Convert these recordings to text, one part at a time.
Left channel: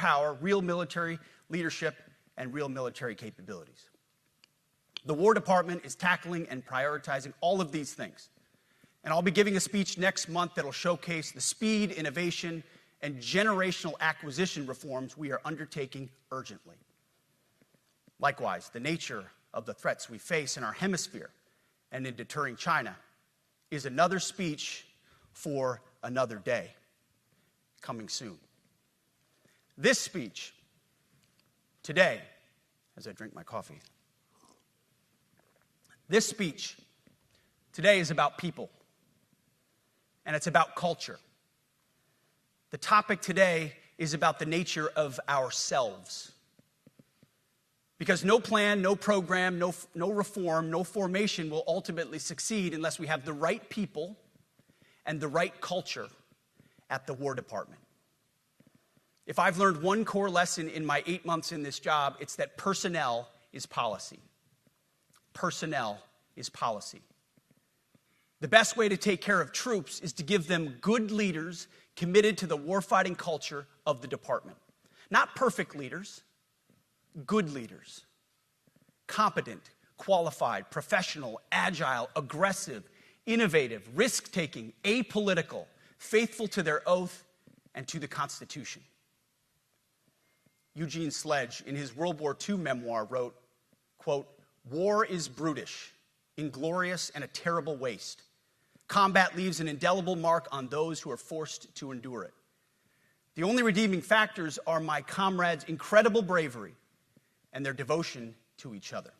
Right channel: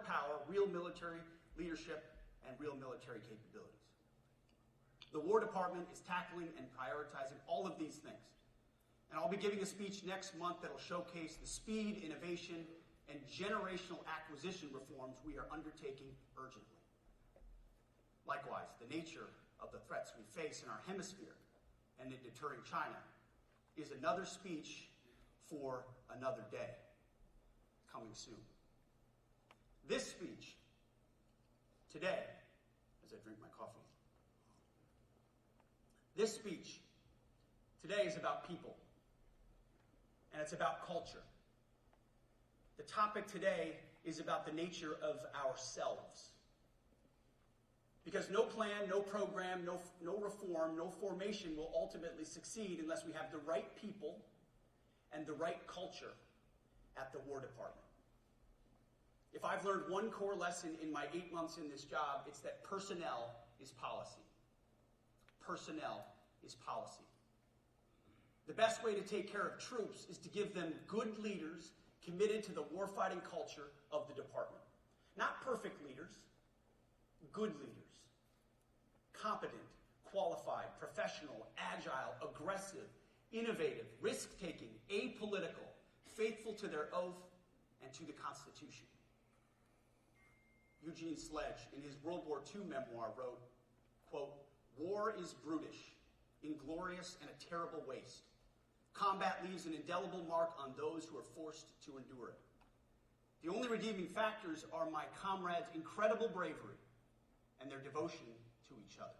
power, real military leadership, and real military capabilities. The War Department is tackling and prioritizing all of these things. And I'll be giving a speech next month that'll showcase the speed, innovation, and generational acquisition reforms we are undertaking urgently. Likewise, the nature of the threats we face in our hemisphere and in deterring China is another speech for another day, coming soon. This speech, today, as I drink my coffee, this speech today is about people, and it's about culture. The topic today is about the nature of ourselves. Because no plan, no program, no reform, no formation will ultimately succeed unless we have the right people and the right culture at the War Department. If I've learned one core lesson in my 8 months in this job, it's that personnel is policy. Personnel is policy. The best way to take care of troops is to give them good leaders committed to the warfighting culture of the department. Not perfect leaders, good leaders. Competent, qualified, professional, agile, aggressive, innovative, risk-taking, apolitical, faithful to their oath and to the Constitution. Eugene Sledge, in his World War II memoir, wrote, quote, "War is brutish, inglorious, and a terrible waste. Combat leaves an indelible mark on those who are forced to endure it. The only redeeming factors are my comrades' incredible bravery and their devotion to each other."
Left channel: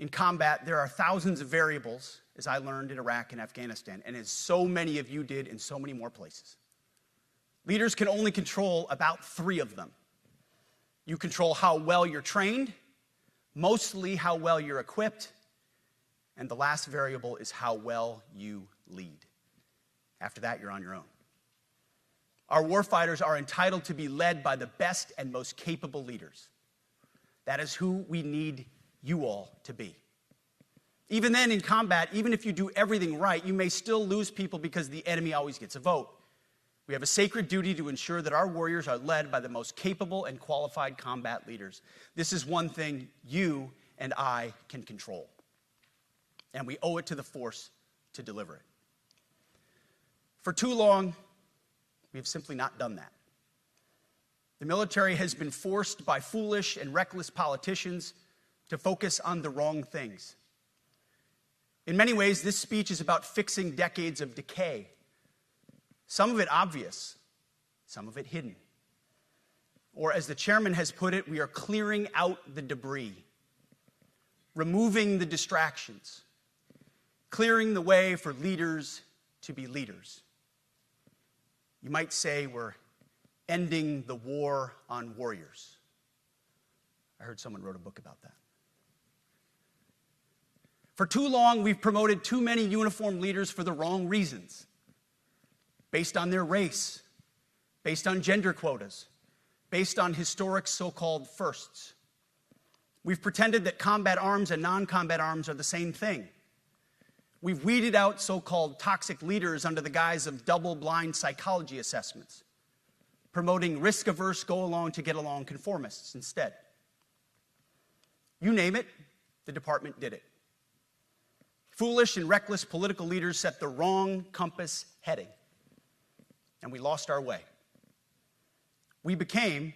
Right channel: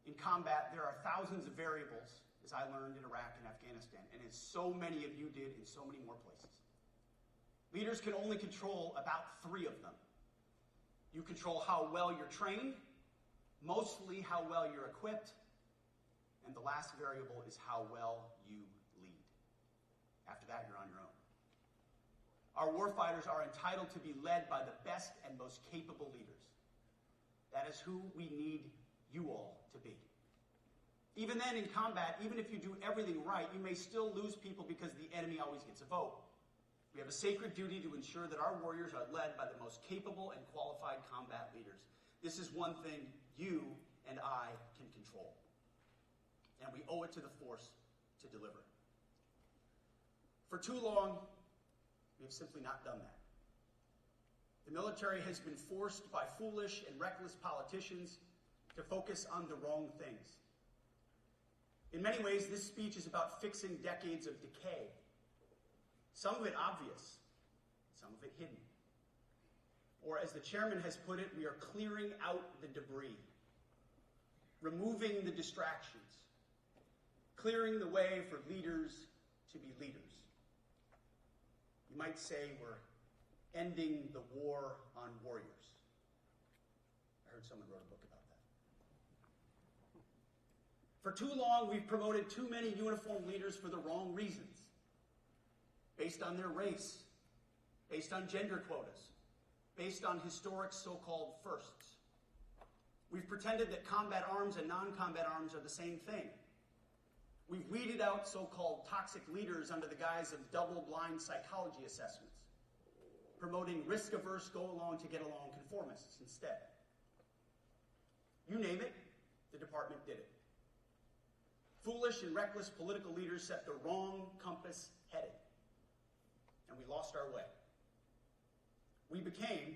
In combat, there are thousands of variables, as I learned in Iraq and Afghanistan, and as so many of you did in so many more places. Leaders can only control about 3 of them. You control how well you're trained, mostly how well you're equipped, and the last variable is how well you lead. After that, you're on your own. Our warfighters are entitled to be led by the best and most capable leaders. That is who we need you all to be. Even then, in combat, even if you do everything right, you may still lose people because the enemy always gets a vote. We have a sacred duty to ensure that our warriors are led by the most capable and qualified combat leaders. This is one thing you and I can control, and we owe it to the force to deliver it. For too long, we have simply not done that. The military has been forced by foolish and reckless politicians to focus on the wrong things. In many ways, this speech is about fixing decades of decay. Some of it obvious, some of it hidden. Or as the chairman has put it, we are clearing out the debris, removing the distractions, clearing the way for leaders to be leaders. You might say we're ending the war on warriors. I heard someone wrote a book about that. For too long, we've promoted too many uniformed leaders for the wrong reasons, based on their race, based on gender quotas, based on historic so-called firsts. We've pretended that combat arms and non-combat arms are the same thing. We've weeded out so-called toxic leaders under the guise of double-blind psychology assessments, promoting risk-averse, go-along-to-get-along conformists instead. You name it, the department did it. Foolish and reckless political leaders set the wrong compass heading, and we lost our way. We became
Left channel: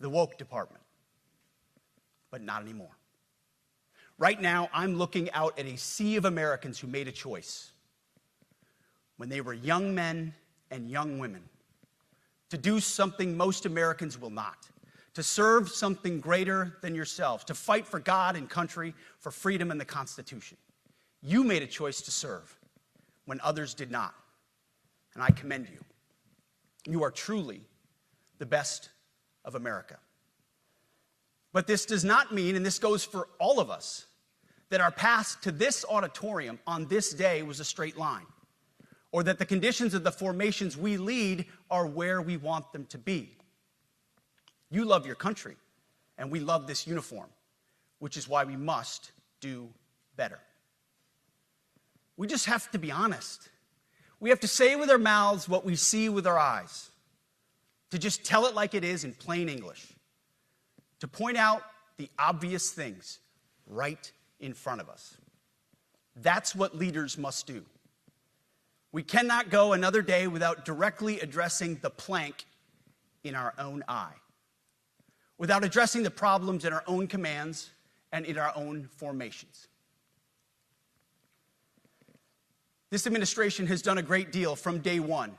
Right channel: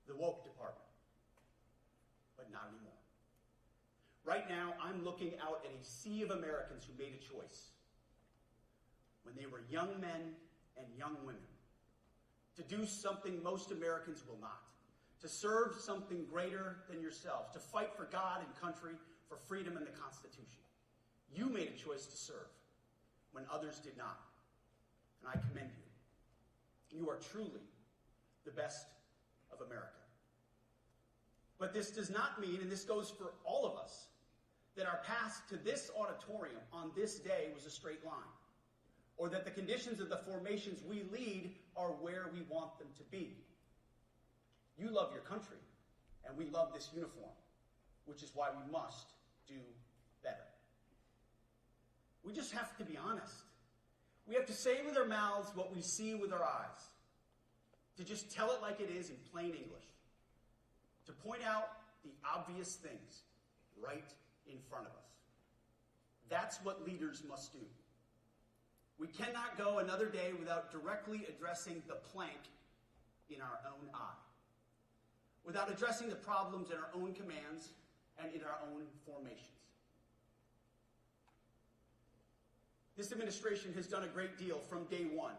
the woke department, but not anymore. Right now, I'm looking out at a sea of Americans who made a choice when they were young men and young women to do something most Americans will not, to serve something greater than yourself, to fight for God and country, for freedom and the Constitution. You made a choice to serve when others did not, and I commend you. You are truly the best of America. But this does not mean, and this goes for all of us, that our path to this auditorium on this day was a straight line, or that the conditions of the formations we lead are where we want them to be. You love your country, and we love this uniform, which is why we must do better. We just have to be honest. We have to say with our mouths what we see with our eyes. to just tell it like it is in plain English, to point out the obvious things right in front of us. That's what leaders must do. We cannot go another day without directly addressing the plank in our own eye, without addressing the problems in our own commands and in our own formations. This administration has done a great deal from day one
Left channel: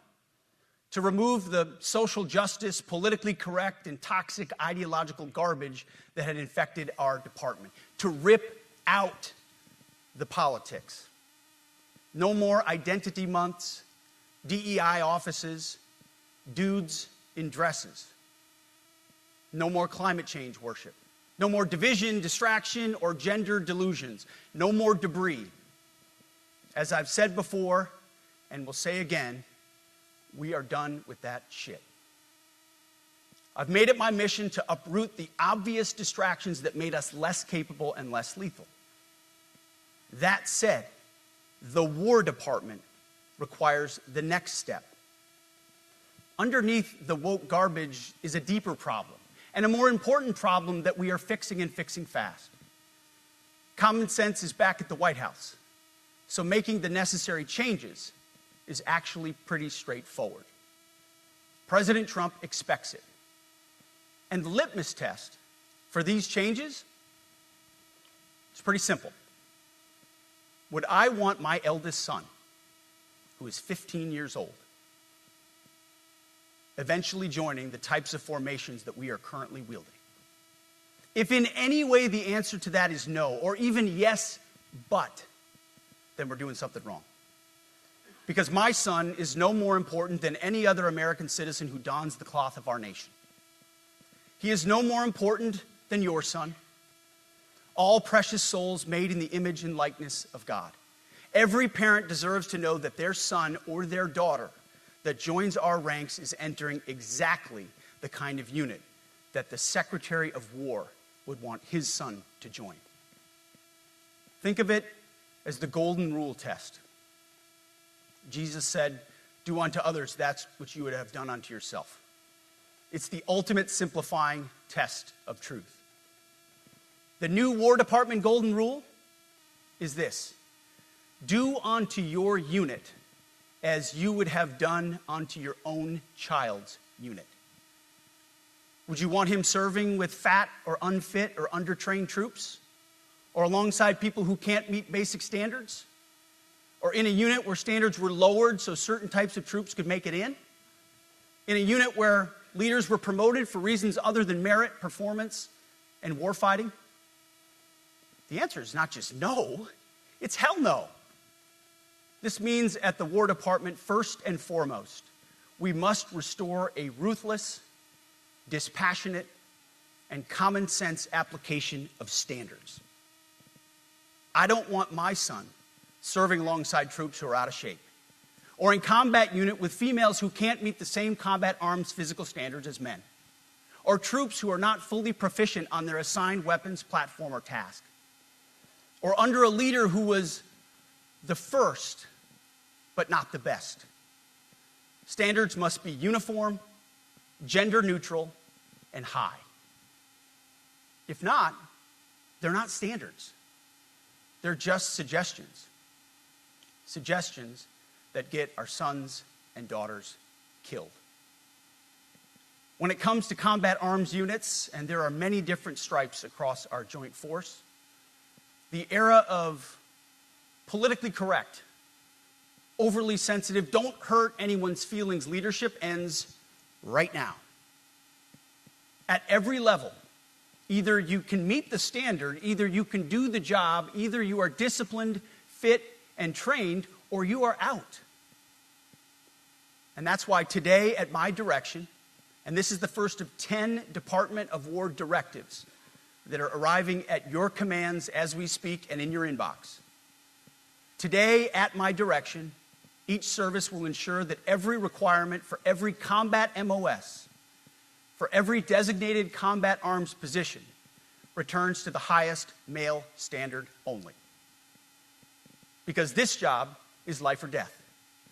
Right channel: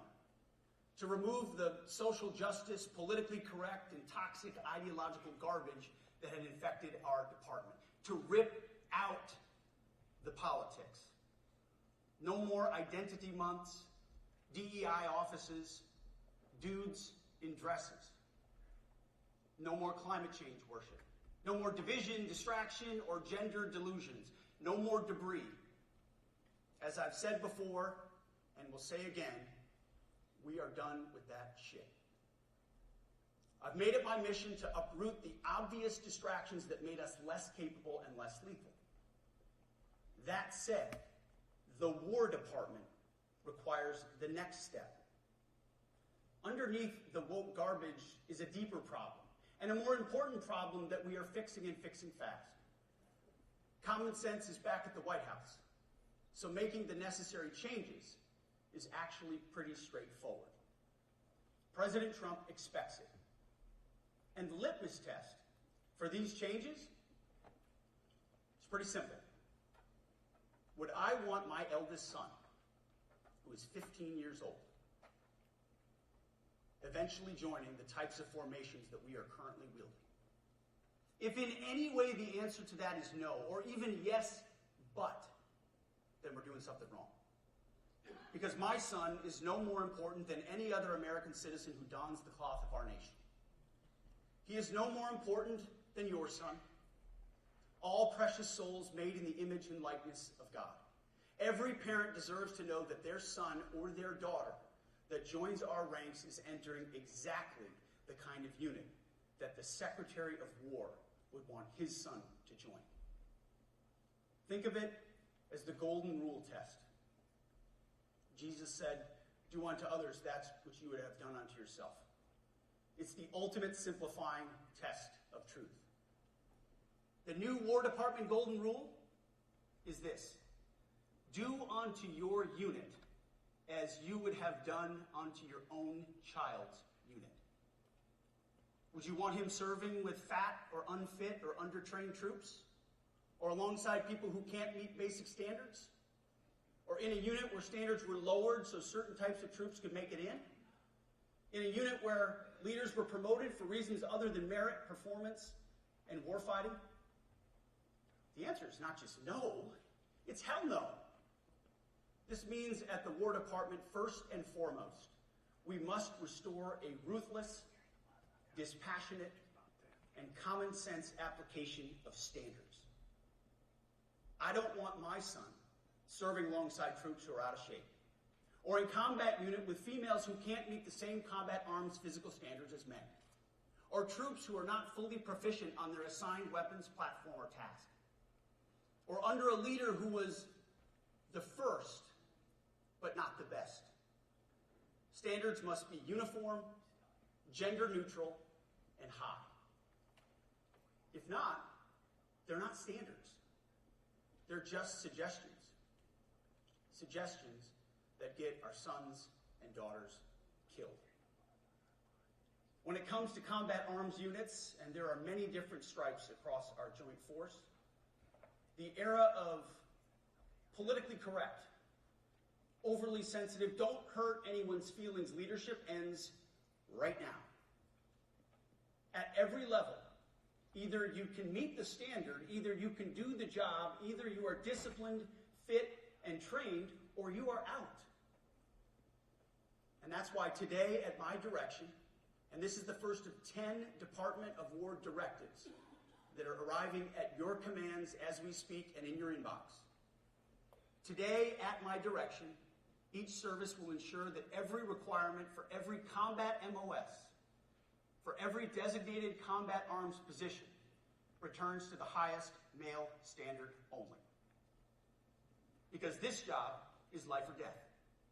to remove the social justice, politically correct, and toxic ideological garbage that had infected our department, to rip out the politics. No more identity months, DEI offices, dudes in dresses. No more climate change worship. No more division, distraction, or gender delusions. No more debris. As I've said before, and will say again, we are done with that shit. I've made it my mission to uproot the obvious distractions that made us less capable and less lethal. That said, the War Department requires the next step. Underneath the woke garbage is a deeper problem, and a more important problem that we are fixing and fixing fast. Common sense is back at the White House, so making the necessary changes is actually pretty straightforward. President Trump expects it. And the litmus test for these changes is pretty simple. Would I want my eldest son, who is 15 years old, eventually joining the types of formations that we are currently wielding? If in any way the answer to that is no, or even yes, but, then we're doing something wrong. Because my son is no more important than any other American citizen who dons the cloth of our nation. He is no more important than your son. All precious souls made in the image and likeness of God. Every parent deserves to know that their son or their daughter that joins our ranks is entering exactly the kind of unit that the Secretary of War would want his son to join. Think of it as the golden rule test. Jesus said, "Do unto others that which you would have done unto yourself." It's the ultimate simplifying test of truth. The new War Department golden rule is this: do unto your unit as you would have done unto your own child's unit. Would you want him serving with fat or unfit or undertrained troops? Or alongside people who can't meet basic standards? Or in a unit where standards were lowered so certain types of troops could make it in? In a unit where leaders were promoted for reasons other than merit, performance, and warfighting? The answer is not just no, it's hell no. This means at the War Department, first and foremost, we must restore a ruthless, dispassionate, and common sense application of standards. I don't want my son serving alongside troops who are out of shape, or in combat unit with females who can't meet the same combat arms physical standards as men, or troops who are not fully proficient on their assigned weapons, platform, or task, or under a leader who was the first, but not the best. Standards must be uniform, gender neutral, and high. If not, they're not standards. They're just suggestions. Suggestions that get our sons and daughters killed. When it comes to combat arms units, and there are many different stripes across our joint force, the era of politically correct, overly sensitive, don't hurt anyone's feelings leadership ends right now. At every level, either you can meet the standard, either you can do the job, either you are disciplined, fit, and trained, or you are out. And that's why today, at my direction, and this is the first of 10 Department of War directives that are arriving at your commands as we speak and in your inbox. Today, at my direction, each service will ensure that every requirement for every combat MOS, for every designated combat arms position, returns to the highest male standard only. Because this job is life or death.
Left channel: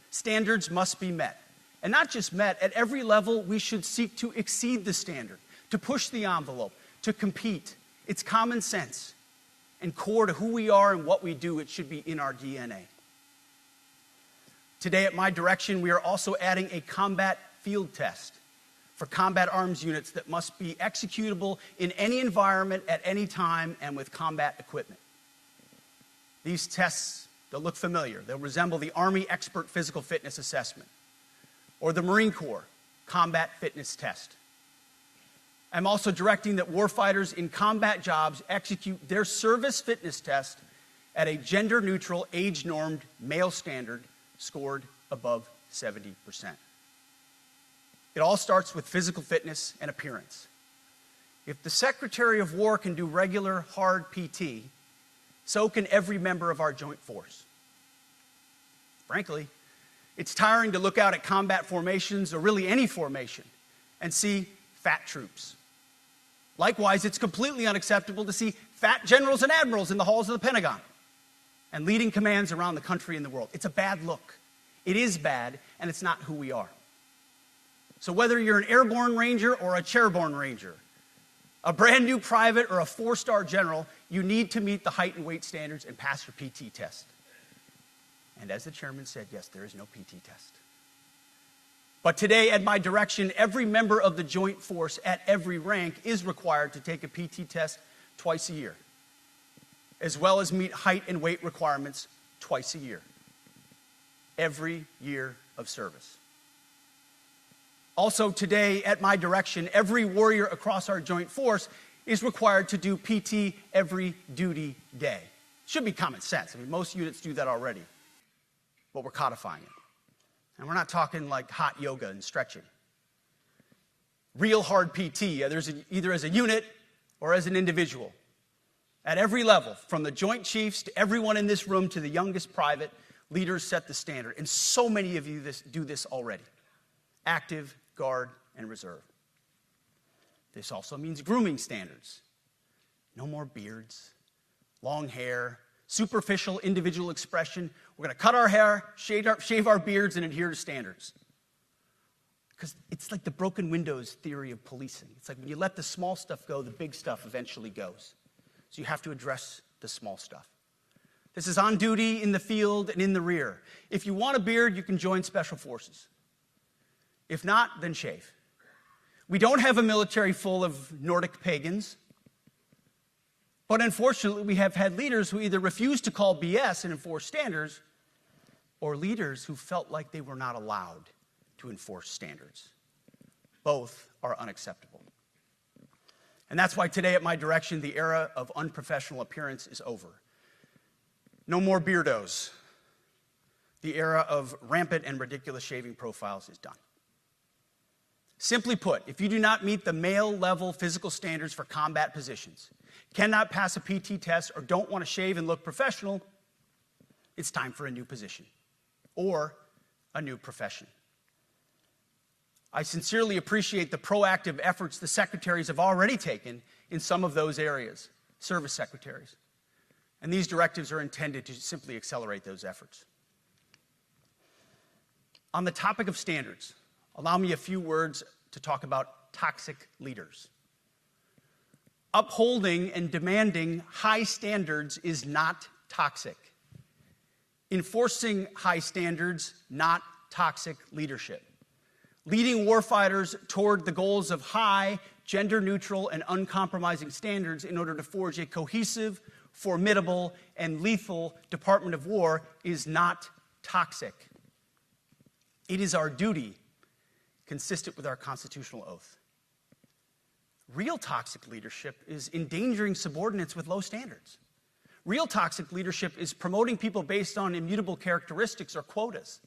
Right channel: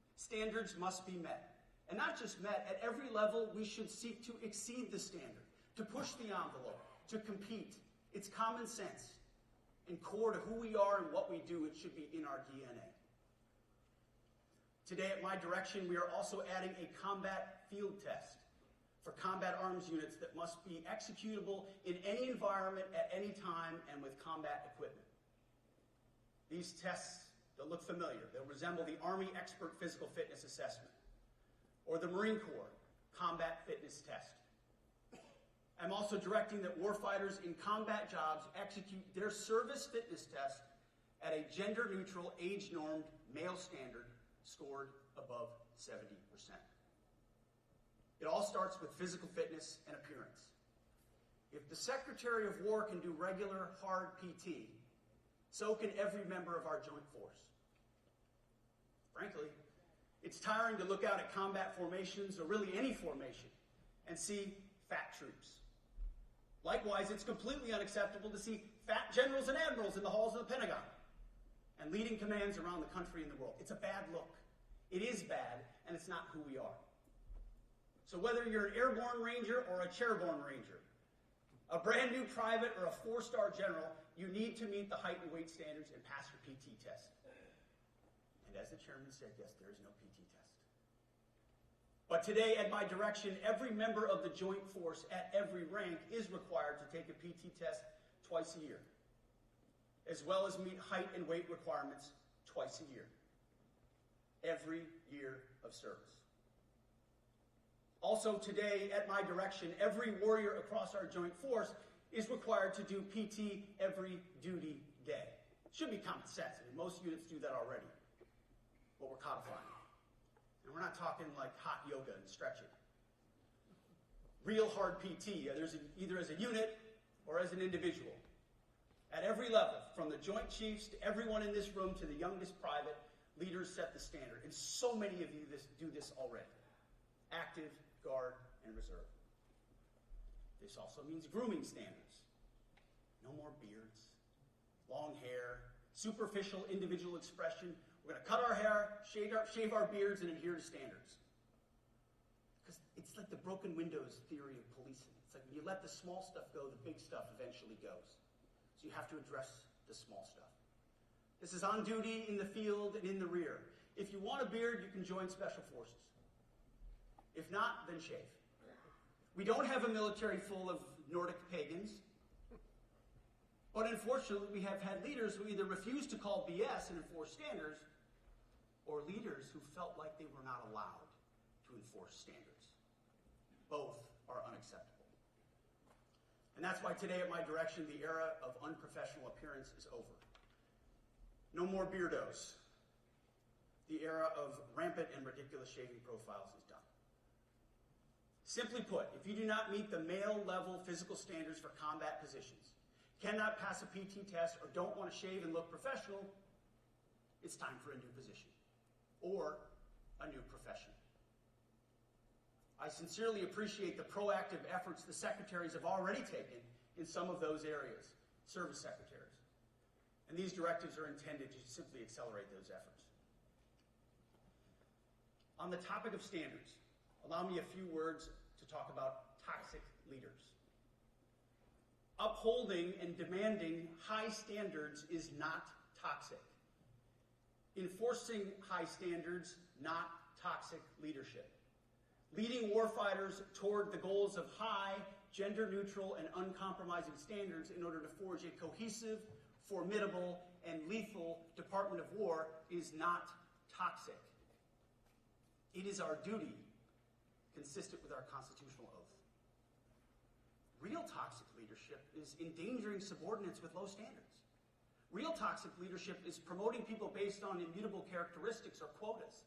Standards must be met, And not just met, at every level, we should seek to exceed the standard, to push the envelope, to compete. It's common sense and core to who we are and what we do. It should be in our DNA. Today, at my direction, we are also adding a combat field test for combat arms units that must be executable in any environment at any time and with combat equipment. These tests, they'll look familiar. They'll resemble the Army Expert Physical Fitness Assessment or the Marine Corps Combat Fitness Test. I'm also directing that warfighters in combat jobs execute their service fitness test at a gender-neutral, age-normed male standard scored above 70%. It all starts with physical fitness and appearance. If the Secretary of War can do regular, hard PT, so can every member of our joint force. Frankly, it's tiring to look out at combat formations, or really any formation, and see fat troops. Likewise, it's completely unacceptable to see fat generals and admirals in the halls of the Pentagon and leading commands around the country and the world. It's a bad look. It is bad, and it's not who we are. So whether you're an airborne ranger or a chairborne ranger, a brand new private or a 4-star general, you need to meet the height and weight standards and pass your PT test. And as the chairman said, yes, there is no PT test. But today, at my direction, every member of the joint force at every rank is required to take a PT test twice a year, as well as meet height and weight requirements twice a year, every year of service. Also today, at my direction, every warrior across our joint force is required to do PT every duty day. It should be common sense. I mean, most units do that already, but we're codifying it. And we're not talking like hot yoga and stretching. Real hard PT, either as a unit or as an individual. At every level, from the Joint Chiefs to everyone in this room to the youngest private, leaders set the standard. And so many of you do this already. Active, Guard, and Reserve. This also means grooming standards. No more beards, long hair, superficial individual expression. We're going to cut our hair, shave our beards, and adhere to standards. Because it's like the broken windows theory of policing. It's like when you let the small stuff go, the big stuff eventually goes. So you have to address the small stuff. This is on duty, in the field, and in the rear. If you want a beard, you can join Special Forces. If not, then shave. We don't have a military full of Nordic pagans. But unfortunately, we have had leaders who either refuse to call BS and enforce standards, or leaders who felt like they were not allowed to enforce standards. Both are unacceptable. And that's why today, at my direction, the era of unprofessional appearance is over. No more beardos. The era of rampant and ridiculous shaving profiles is done. Simply put, if you do not meet the male-level physical standards for combat positions, cannot pass a PT test, or don't want to shave and look professional, it's time for a new position or a new profession. I sincerely appreciate the proactive efforts the secretaries have already taken in some of those areas, service secretaries. And these directives are intended to simply accelerate those efforts. On the topic of standards, allow me a few words to talk about toxic leaders. Upholding and demanding high standards is not toxic. Enforcing high standards, not toxic leadership. Leading warfighters toward the goals of high, gender-neutral, and uncompromising standards in order to forge a cohesive, formidable, and lethal Department of War is not toxic. It is our duty, consistent with our constitutional oath. Real toxic leadership is endangering subordinates with low standards. Real toxic leadership is promoting people based on immutable characteristics or quotas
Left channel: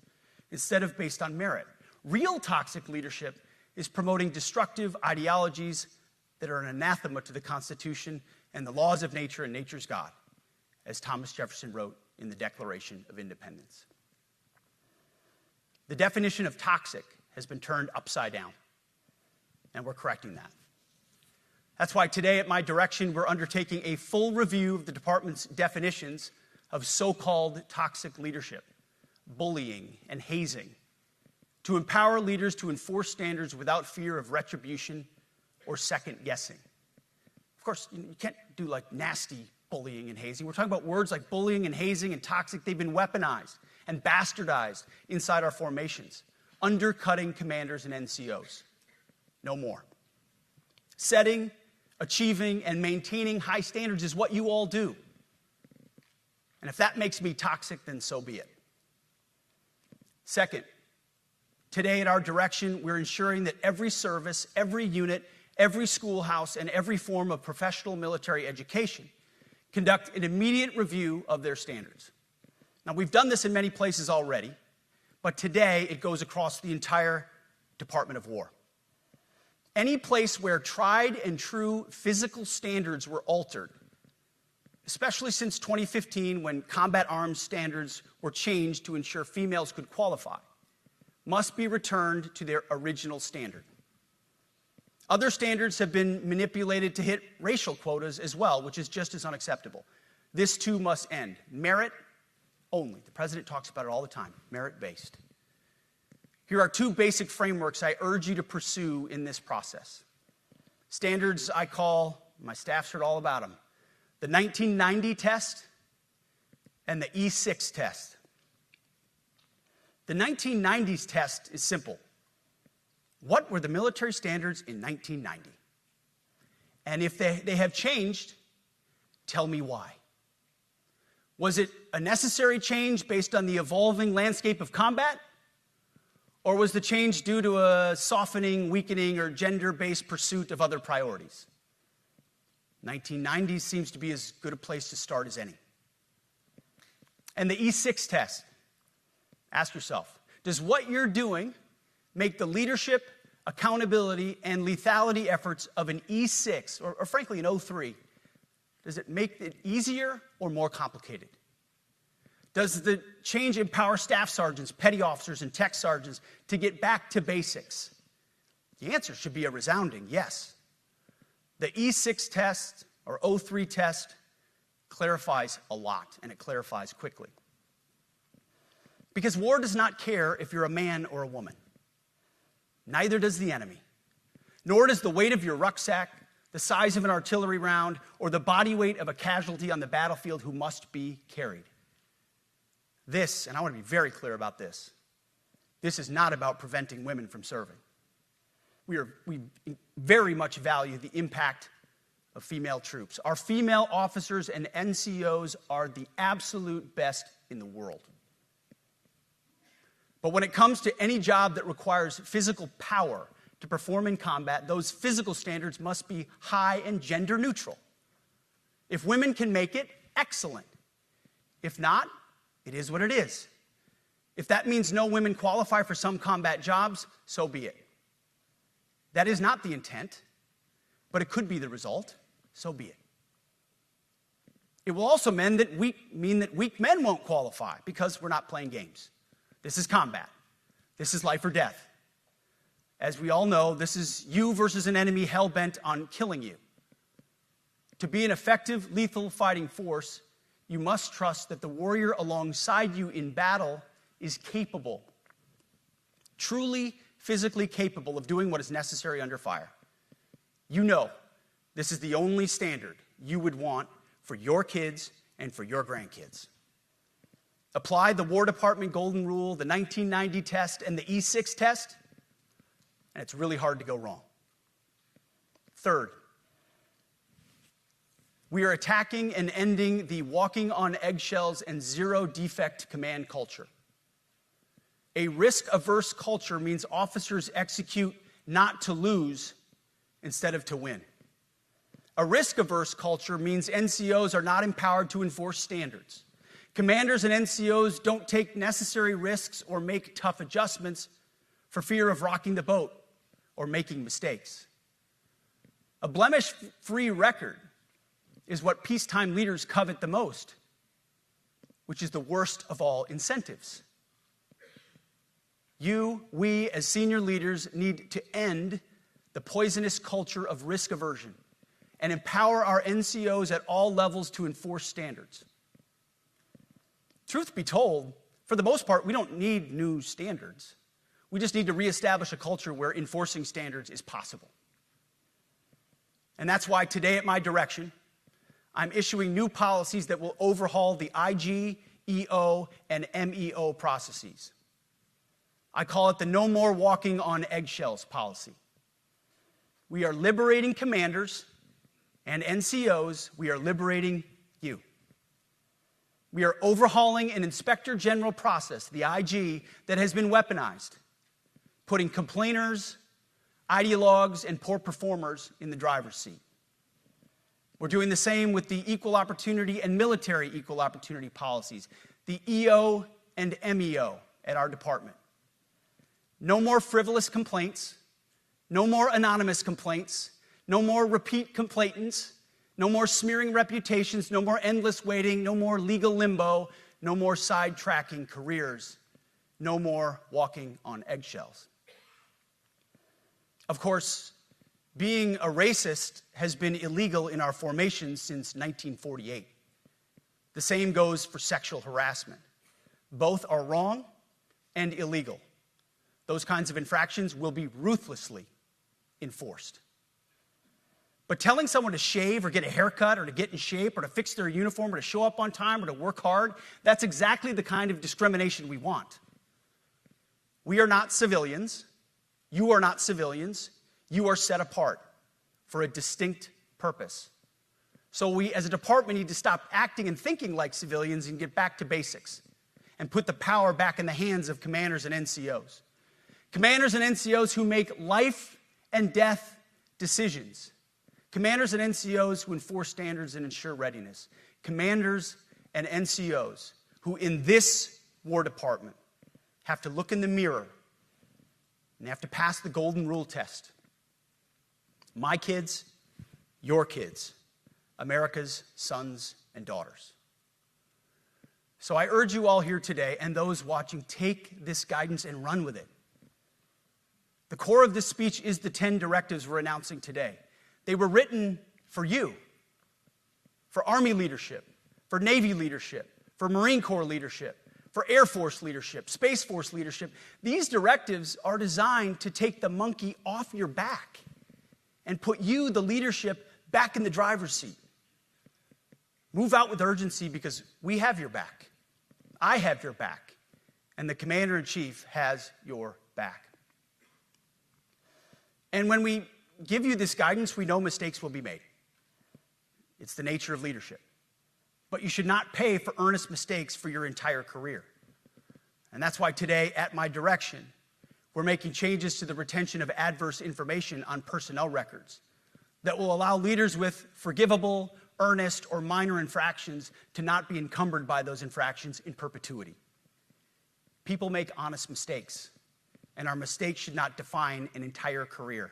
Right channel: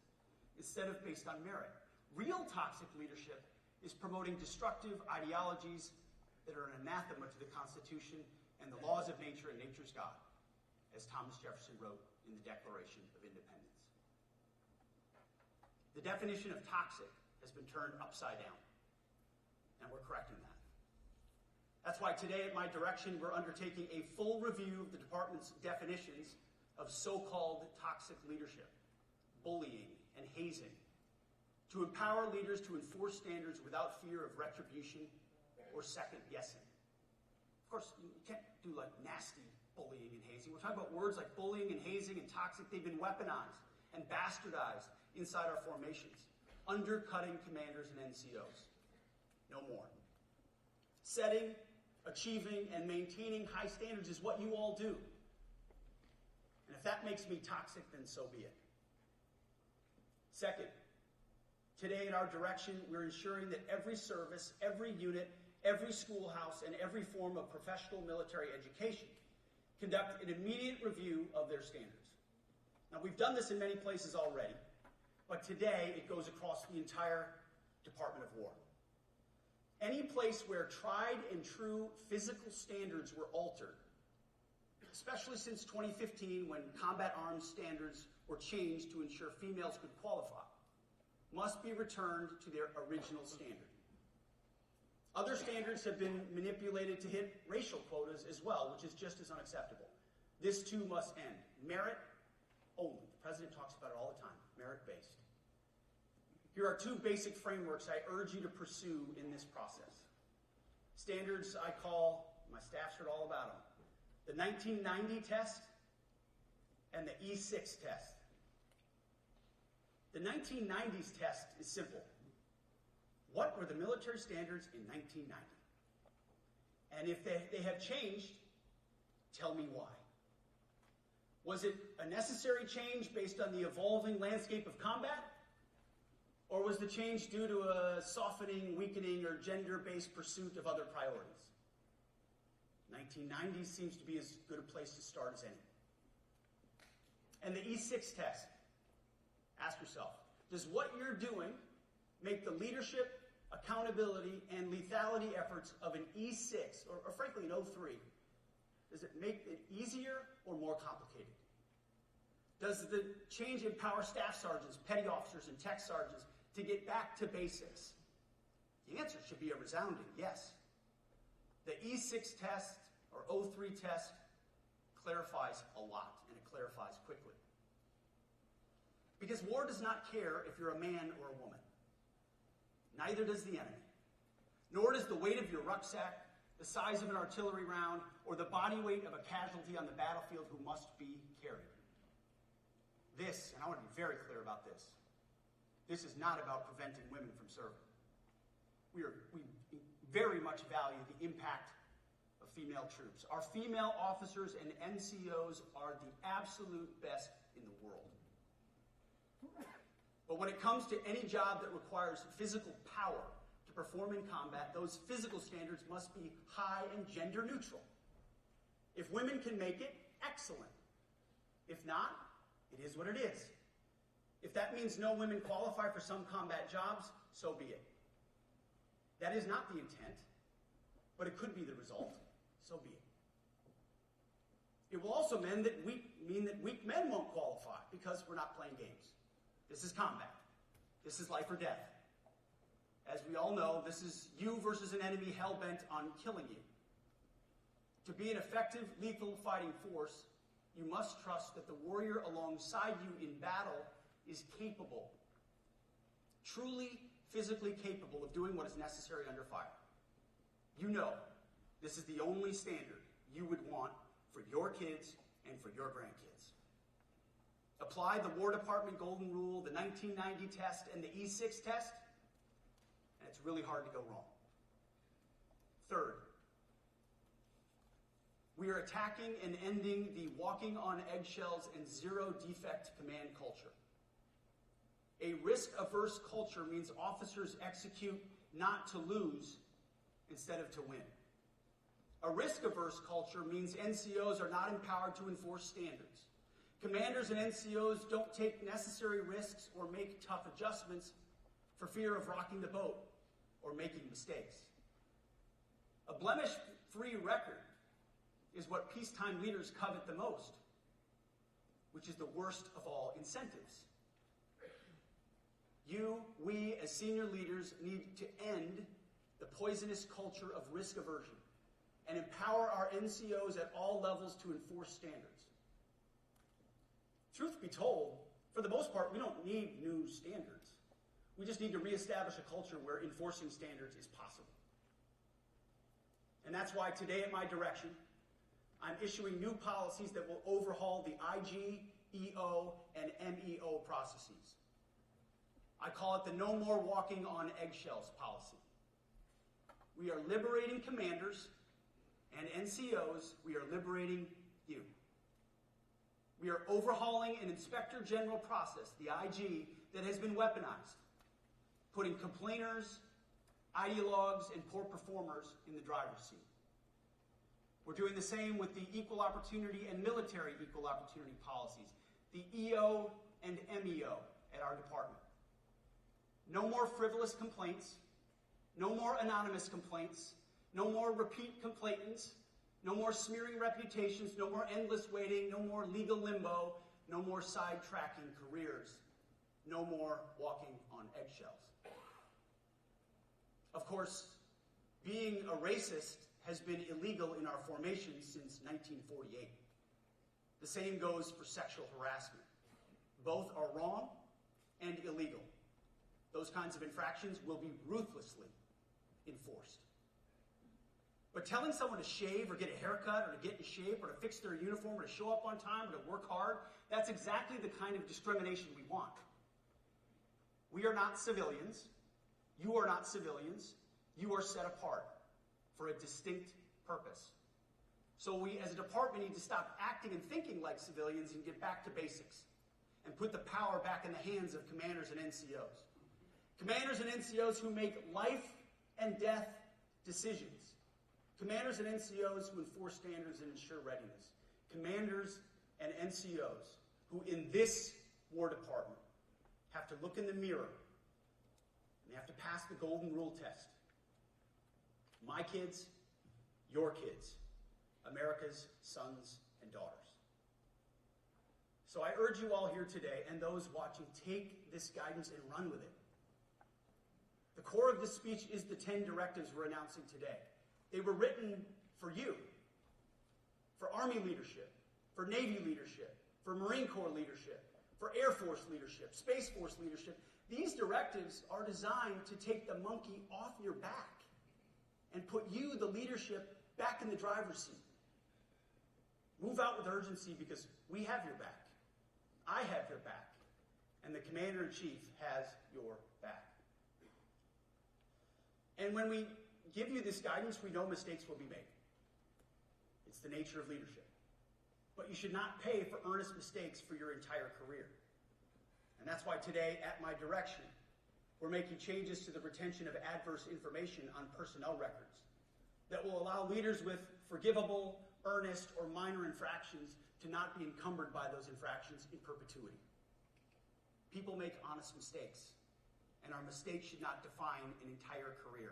instead of based on merit. Real toxic leadership is promoting destructive ideologies that are an anathema to the Constitution and the laws of nature and nature's God, as Thomas Jefferson wrote in the Declaration of Independence. The definition of toxic has been turned upside down, and we're correcting that. That's why today, at my direction, we're undertaking a full review of the department's definitions of so-called toxic leadership, bullying, and hazing, to empower leaders to enforce standards without fear of retribution or second guessing. Of course, you can't do like nasty bullying and hazing. We're talking about words like bullying and hazing and toxic. They've been weaponized and bastardized inside our formations, undercutting commanders and NCOs. No more. Setting, achieving, and maintaining high standards is what you all do. And if that makes me toxic, then so be it. Second, today at our direction, we're ensuring that every service, every unit, every schoolhouse, and every form of professional military education conduct an immediate review of their standards. Now, we've done this in many places already, but today it goes across the entire Department of War. Any place where tried and true physical standards were altered, especially since 2015 when combat arms standards were changed to ensure females could qualify, must be returned to their original standard. Other standards have been manipulated to hit racial quotas as well, which is just as unacceptable. This too must end. Merit only. The president talks about it all the time, merit-based. Here are two basic frameworks I urge you to pursue in this process. Standards I call, my staff's heard all about them, the 1990 test and the E6 test. The 1990s test is simple. What were the military standards in 1990? And if they have changed, tell me why. Was it a necessary change based on the evolving landscape of combat? Or was the change due to a softening, weakening, or gender-based pursuit of other priorities? 1990s seems to be as good a place to start as any. And the E6 test. Ask yourself, does what you're doing make the leadership, accountability, and lethality efforts of an E6, or frankly an O3, does it make it easier or more complicated? Does the change empower staff sergeants, petty officers, and tech sergeants to get back to basics? The answer should be a resounding yes. The E6 test, or O3 test, clarifies a lot, and it clarifies quickly. Because war does not care if you're a man or a woman. Neither does the enemy. Nor does the weight of your rucksack, the size of an artillery round, or the body weight of a casualty on the battlefield who must be carried. This, and I want to be very clear about this, this is not about preventing women from serving. We very much value the impact of female troops. Our female officers and NCOs are the absolute best in the world. But when it comes to any job that requires physical power to perform in combat, those physical standards must be high and gender neutral. If women can make it, excellent. If not, it is what it is. If that means no women qualify for some combat jobs, so be it. That is not the intent, but it could be the result, so be it. It will also mean that weak men won't qualify because we're not playing games. This is combat. This is life or death. As we all know, this is you versus an enemy hell-bent on killing you. To be an effective, lethal fighting force, you must trust that the warrior alongside you in battle is capable, truly physically capable of doing what is necessary under fire. You know this is the only standard you would want for your kids and for your grandkids. Apply the War Department Golden Rule, the 1990 test, and the E6 test, and it's really hard to go wrong. Third, we are attacking and ending the walking on eggshells and zero-defect command culture. A risk-averse culture means officers execute not to lose instead of to win. A risk-averse culture means NCOs are not empowered to enforce standards. Commanders and NCOs don't take necessary risks or make tough adjustments for fear of rocking the boat or making mistakes. A blemish-free record is what peacetime leaders covet the most, which is the worst of all incentives. We, as senior leaders, need to end the poisonous culture of risk aversion and empower our NCOs at all levels to enforce standards. Truth be told, for the most part, we don't need new standards. We just need to reestablish a culture where enforcing standards is possible. And that's why today, at my direction, I'm issuing new policies that will overhaul the IG, EO, and MEO processes. I call it the No More Walking on Eggshells policy. We are liberating commanders and NCOs. We are liberating you. We are overhauling an inspector general process, the IG, that has been weaponized, putting complainers, ideologues, and poor performers in the driver's seat. We're doing the same with the equal opportunity and military equal opportunity policies, the EO and MEO at our department. No more frivolous complaints, no more anonymous complaints, no more repeat complainants, no more smearing reputations, no more endless waiting, no more legal limbo, no more sidetracking careers, no more walking on eggshells. Of course, being a racist has been illegal in our formation since 1948. The same goes for sexual harassment. Both are wrong and illegal. Those kinds of infractions will be ruthlessly enforced. But telling someone to shave or get a haircut or to get in shape or to fix their uniform or to show up on time or to work hard, that's exactly the kind of discrimination we want. We are not civilians. You are not civilians. You are set apart for a distinct purpose. So we, as a department, need to stop acting and thinking like civilians and get back to basics and put the power back in the hands of commanders and NCOs. Commanders and NCOs who make life and death decisions. Commanders and NCOs who enforce standards and ensure readiness. Commanders and NCOs who, in this War Department, have to look in the mirror and have to pass the golden rule test. My kids, your kids, America's sons and daughters. So I urge you all here today and those watching, take this guidance and run with it. The core of this speech is the 10 directives we're announcing today. They were written for you, for Army leadership, for Navy leadership, for Marine Corps leadership, for Air Force leadership, Space Force leadership. These directives are designed to take the monkey off your back and put you, the leadership, back in the driver's seat. Move out with urgency because we have your back. I have your back. And the Commander-in-Chief has your back. And when we give you this guidance, we know mistakes will be made. It's the nature of leadership. But you should not pay for earnest mistakes for your entire career. And that's why today, at my direction, we're making changes to the retention of adverse information on personnel records that will allow leaders with forgivable, earnest, or minor infractions to not be encumbered by those infractions in perpetuity. People make honest mistakes, and our mistakes should not define an entire career.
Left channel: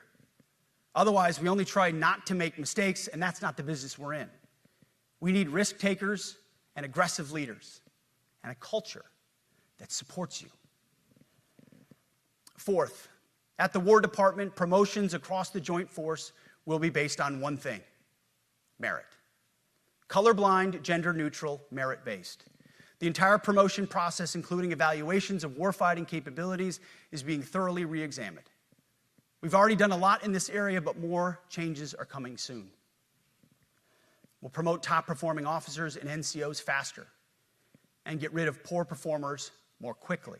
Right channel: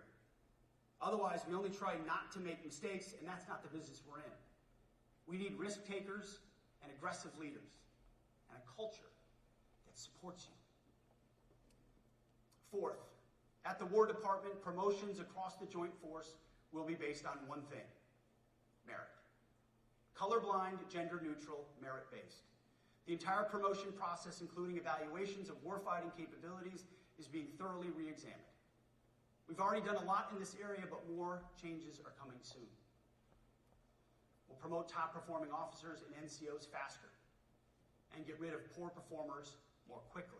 Otherwise, we only try not to make mistakes, and that's not the business we're in. We need risk takers and aggressive leaders and a culture that supports you. Fourth, at the War Department, promotions across the Joint Force will be based on one thing: merit. Colorblind, gender-neutral, merit-based. The entire promotion process, including evaluations of warfighting capabilities, is being thoroughly re-examined. We've already done a lot in this area, but more changes are coming soon. We'll promote top-performing officers and NCOs faster and get rid of poor performers more quickly.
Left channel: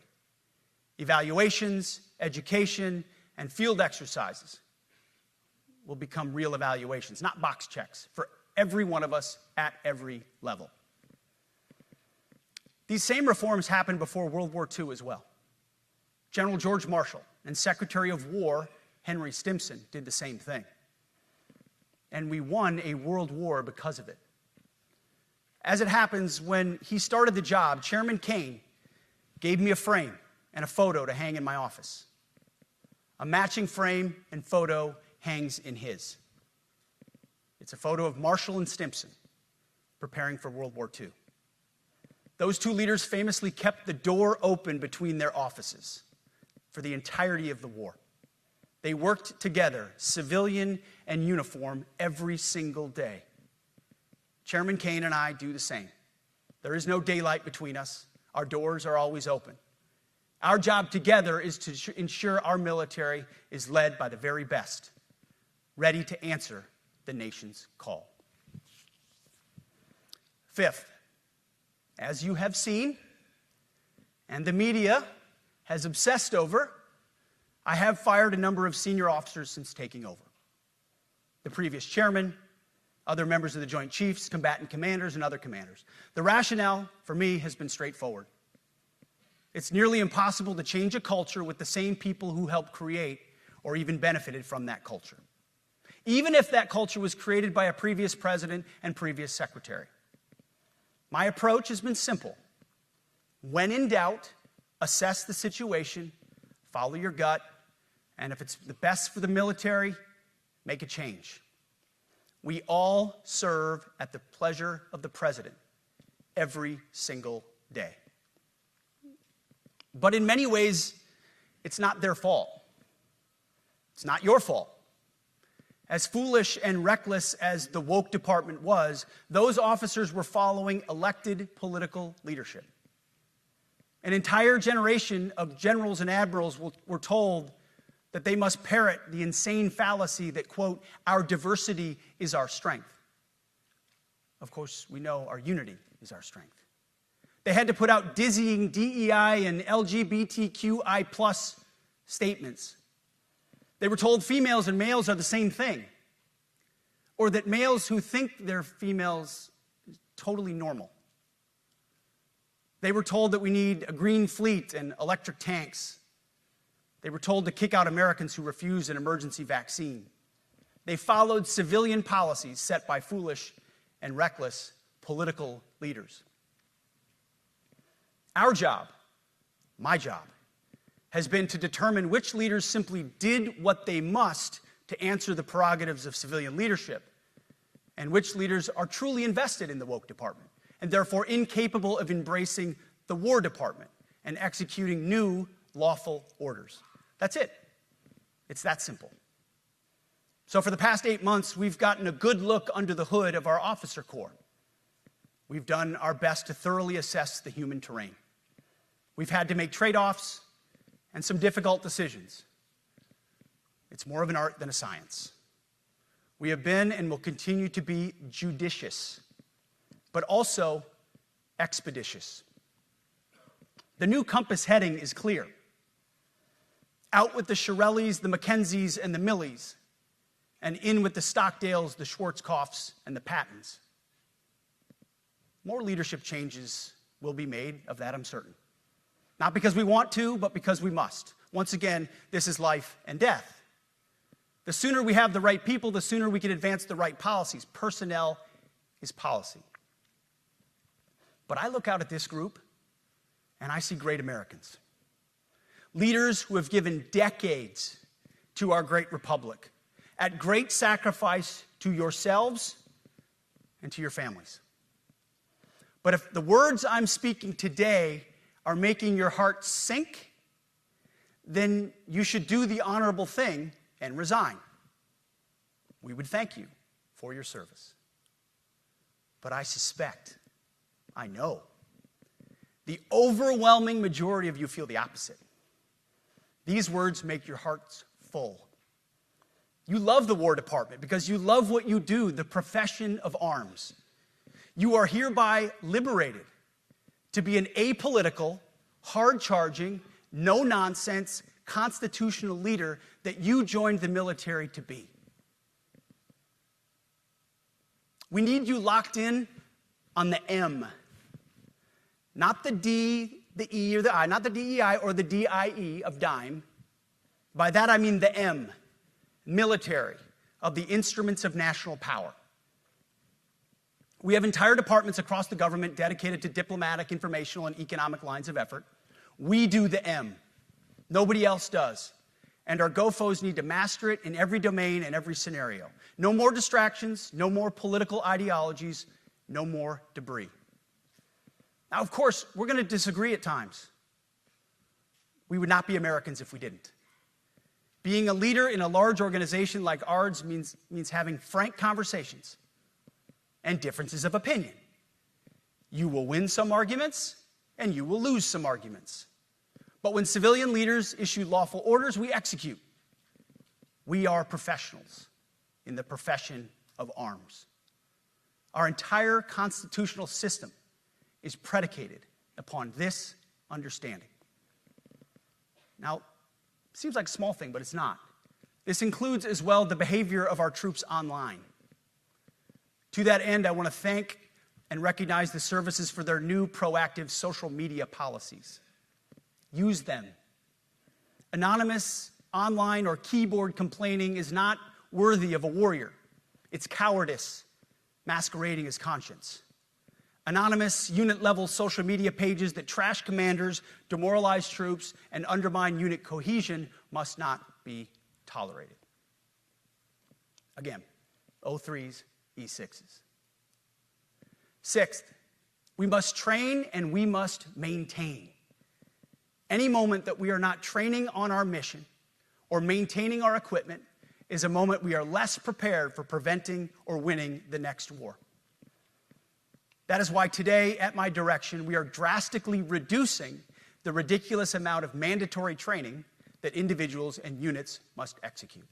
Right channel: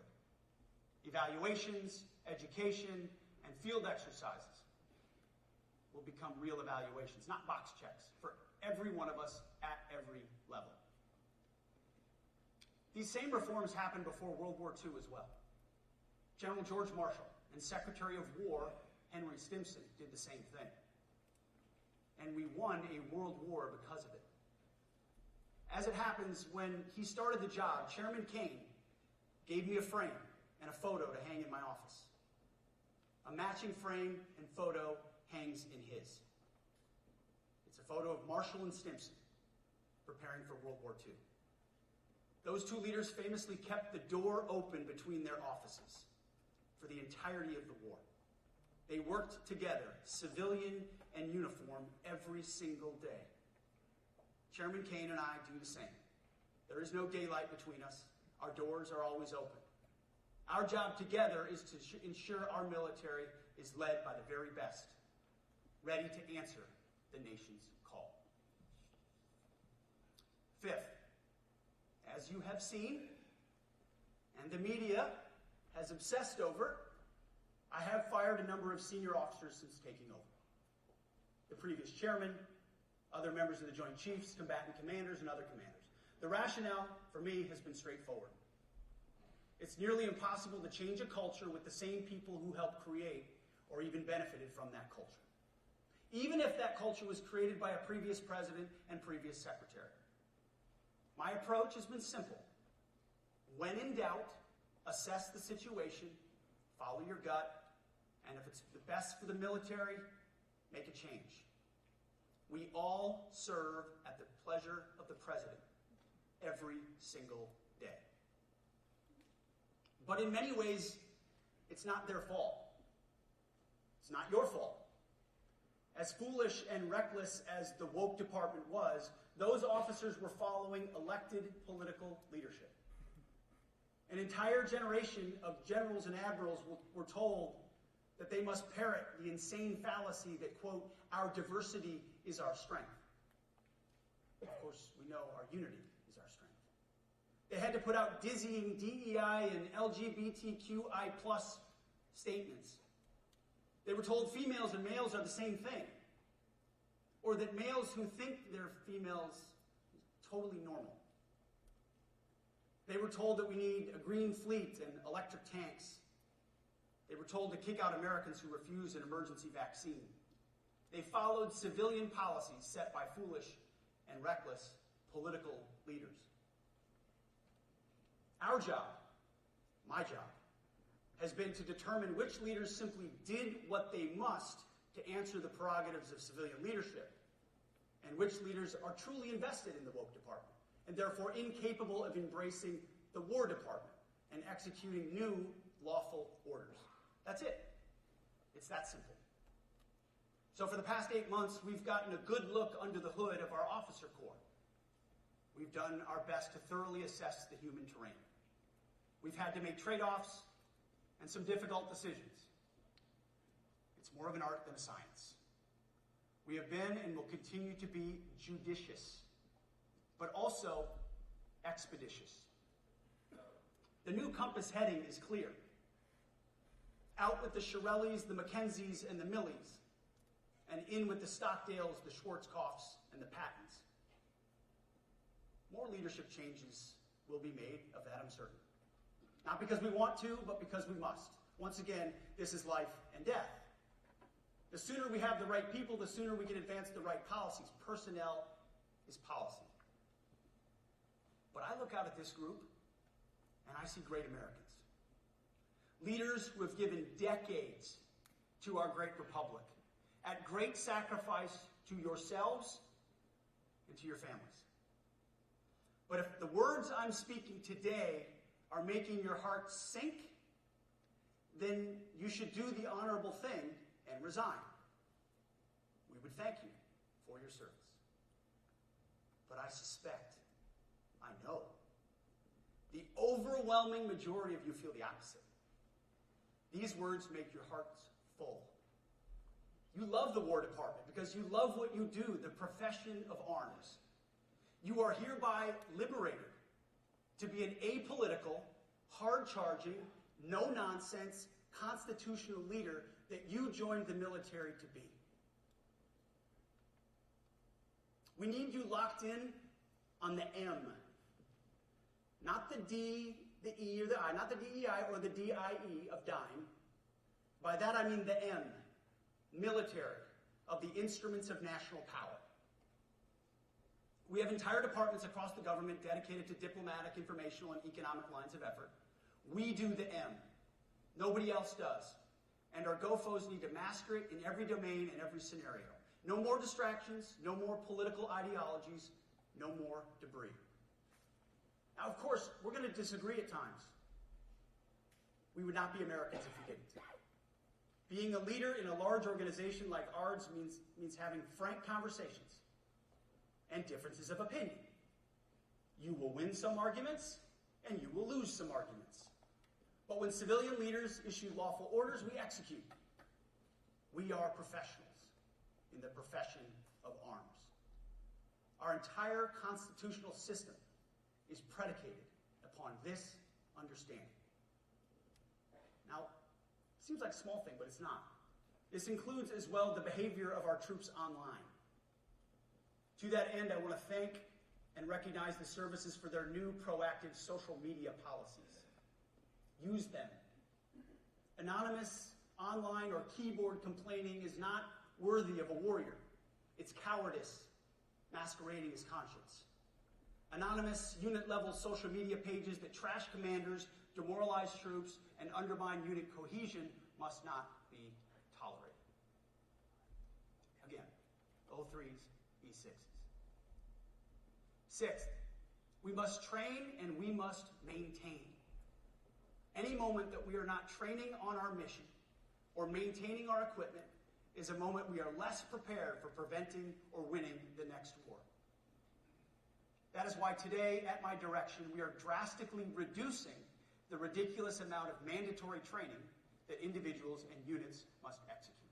Evaluations, education, and field exercises will become real evaluations, not box checks, for every one of us at every level. These same reforms happened before World War II as well. General George Marshall and Secretary of War Henry Stimson did the same thing. And we won a world war because of it. As it happens, when he started the job, Chairman Kane gave me a frame and a photo to hang in my office. A matching frame and photo hangs in his. It's a photo of Marshall and Stimson preparing for World War II. Those two leaders famously kept the door open between their offices for the entirety of the war. They worked together, civilian and uniform, every single day. Chairman Kane and I do the same. There is no daylight between us. Our doors are always open. Our job together is to ensure our military is led by the very best, ready to answer the nation's call. Fifth, as you have seen, and the media has obsessed over, I have fired a number of senior officers since taking over. The previous chairman, other members of the Joint Chiefs, combatant commanders, and other commanders. The rationale for me has been straightforward. It's nearly impossible to change a culture with the same people who helped create or even benefited from that culture, even if that culture was created by a previous president and previous secretary. My approach has been simple. When in doubt, assess the situation, follow your gut, and if it's the best for the military, make a change. We all serve at the pleasure of the president every single day. But in many ways, it's not their fault. It's not your fault. As foolish and reckless as the woke department was, those officers were following elected political leadership. An entire generation of generals and admirals were told that they must parrot the insane fallacy that, quote, our diversity is our strength. Of course, we know our unity is our strength. They had to put out dizzying DEI and LGBTQI+ statements. They were told females and males are the same thing, or that males who think they're females is totally normal. They were told that we need a green fleet and electric tanks. They were told to kick out Americans who refuse an emergency vaccine. They followed civilian policies set by foolish and reckless political leaders. Our job, my job, has been to determine which leaders simply did what they must to answer the prerogatives of civilian leadership, and which leaders are truly invested in the woke department, and therefore incapable of embracing the War Department and executing new lawful orders. That's it. It's that simple. So for the past 8 months, we've gotten a good look under the hood of our officer corps. We've done our best to thoroughly assess the human terrain. We've had to make trade-offs and some difficult decisions. It's more of an art than a science. We have been and will continue to be judicious, but also expeditious. The new compass heading is clear. Out with the Shirellis, the Mackenzies, and the Millies, and in with the Stockdales, the Schwarzkopfs, and the Pattons. More leadership changes will be made, of that I'm certain. Not because we want to, but because we must. Once again, this is life and death. The sooner we have the right people, the sooner we can advance the right policies. Personnel is policy. But I look out at this group, and I see great Americans. Leaders who have given decades to our great republic, at great sacrifice to yourselves and to your families. But if the words I'm speaking today are making your heart sink, then you should do the honorable thing and resign. We would thank you for your service. But I suspect, I know, the overwhelming majority of you feel the opposite. These words make your hearts full. You love the War Department because you love what you do, the profession of arms. You are hereby liberated to be an apolitical, hard-charging, no-nonsense, constitutional leader that you joined the military to be. We need you locked in on the M, not the D, the E, or the I, not the DEI or the DIE of dime. By that I mean the M, military, of the instruments of national power. We have entire departments across the government dedicated to diplomatic, informational, and economic lines of effort. We do the M. Nobody else does. And our GoFos need to master it in every domain and every scenario. No more distractions, no more political ideologies, no more debris. Now, of course, we're going to disagree at times. We would not be Americans if we didn't. Being a leader in a large organization like ours means having frank conversations and differences of opinion. You will win some arguments, and you will lose some arguments. But when civilian leaders issue lawful orders, we execute. We are professionals in the profession of arms. Our entire constitutional system is predicated upon this understanding. Now, it seems like a small thing, but it's not. This includes as well the behavior of our troops online. To that end, I want to thank and recognize the services for their new proactive social media policies. Use them. Anonymous, online, or keyboard complaining is not worthy of a warrior. It's cowardice masquerading as conscience. Anonymous, unit-level social media pages that trash commanders, demoralize troops, and undermine unit cohesion must not be tolerated. Again, O3s, E6s. Sixth, we must train and we must maintain. Any moment that we are not training on our mission or maintaining our equipment is a moment we are less prepared for preventing or winning the next war. That is why today, at my direction, we are drastically reducing the ridiculous amount of mandatory training that individuals and units must execute.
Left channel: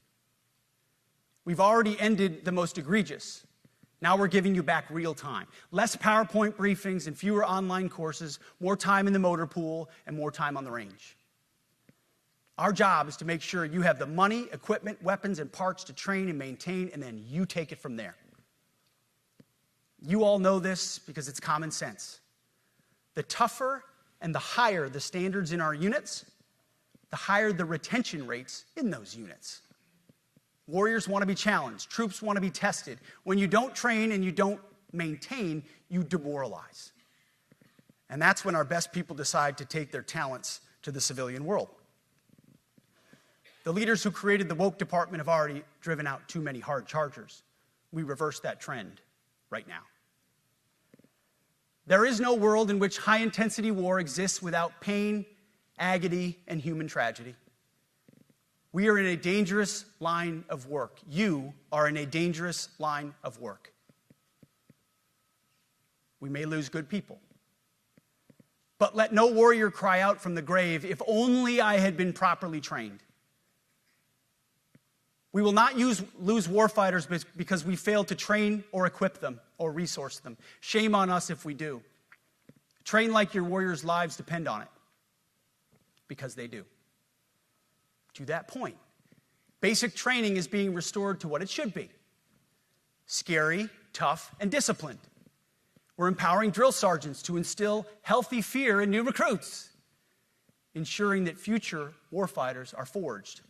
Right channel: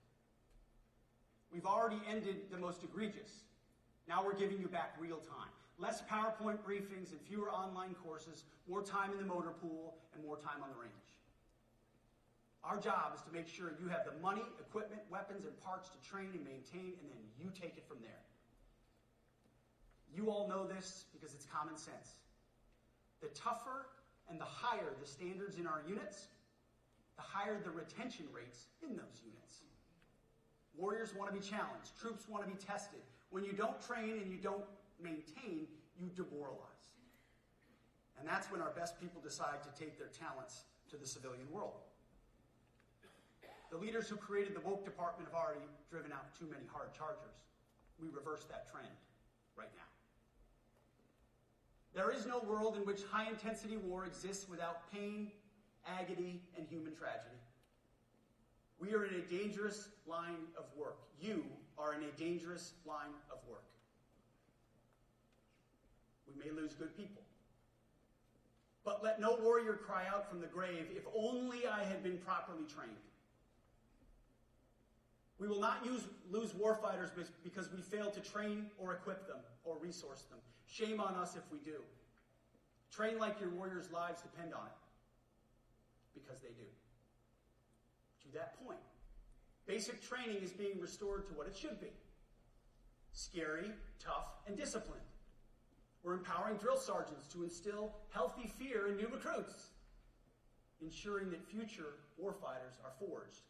We've already ended the most egregious. Now we're giving you back real time. Less PowerPoint briefings and fewer online courses, more time in the motor pool, and more time on the range. Our job is to make sure you have the money, equipment, weapons, and parts to train and maintain, and then you take it from there. You all know this because it's common sense. The tougher and the higher the standards in our units, the higher the retention rates in those units. Warriors want to be challenged. Troops want to be tested. When you don't train and you don't maintain, you demoralize. And that's when our best people decide to take their talents to the civilian world. The leaders who created the woke department have already driven out too many hard chargers. We reverse that trend right now. There is no world in which high-intensity war exists without pain, agony, and human tragedy. We are in a dangerous line of work. You are in a dangerous line of work. We may lose good people. But let no warrior cry out from the grave, "If only I had been properly trained." We will not lose warfighters because we failed to train or equip them or resource them. Shame on us if we do. Train like your warriors' lives depend on it, because they do. To that point, basic training is being restored to what it should be: scary, tough, and disciplined. We're empowering drill sergeants to instill healthy fear in new recruits, ensuring that future warfighters are forged.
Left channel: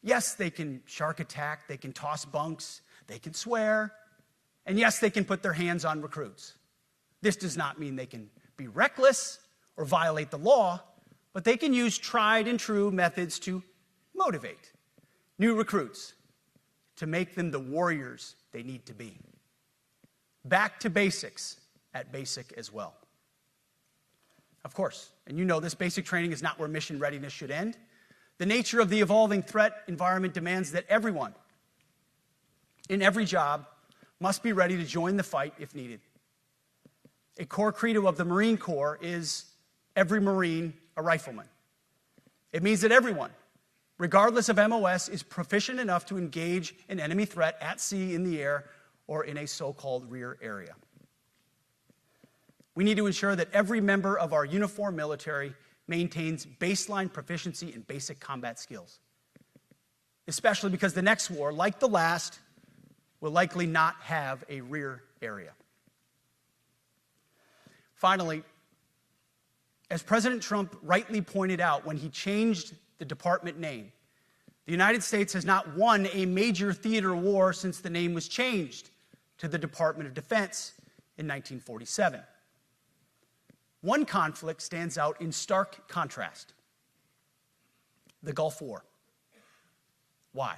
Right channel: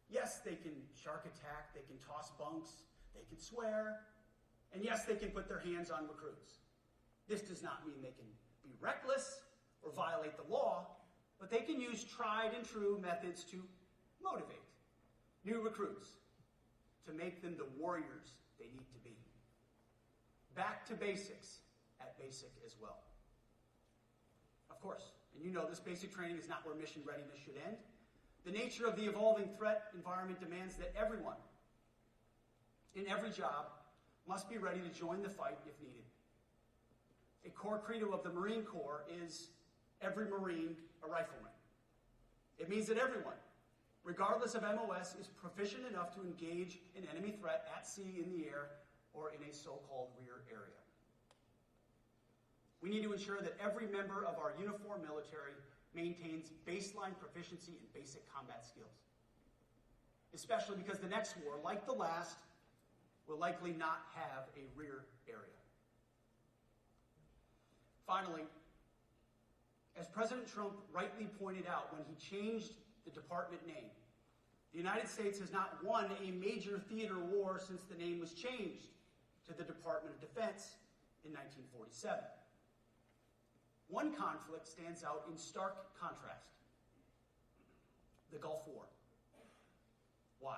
Yes, they can shark attack, they can toss bunks, they can swear, and yes, they can put their hands on recruits. This does not mean they can be reckless or violate the law, but they can use tried and true methods to motivate new recruits, to make them the warriors they need to be. Back to basics at basic as well. Of course, and you know this, basic training is not where mission readiness should end. The nature of the evolving threat environment demands that everyone, in every job, must be ready to join the fight if needed. A core credo of the Marine Corps is every Marine a rifleman. It means that everyone, regardless of MOS, is proficient enough to engage an enemy threat at sea, in the air, or in a so-called rear area. We need to ensure that every member of our uniformed military maintains baseline proficiency in basic combat skills, especially because the next war, like the last, will likely not have a rear area. Finally, as President Trump rightly pointed out when he changed the department name, the United States has not won a major theater war since the name was changed to the Department of Defense in 1947. One conflict stands out in stark contrast: the Gulf War. Why?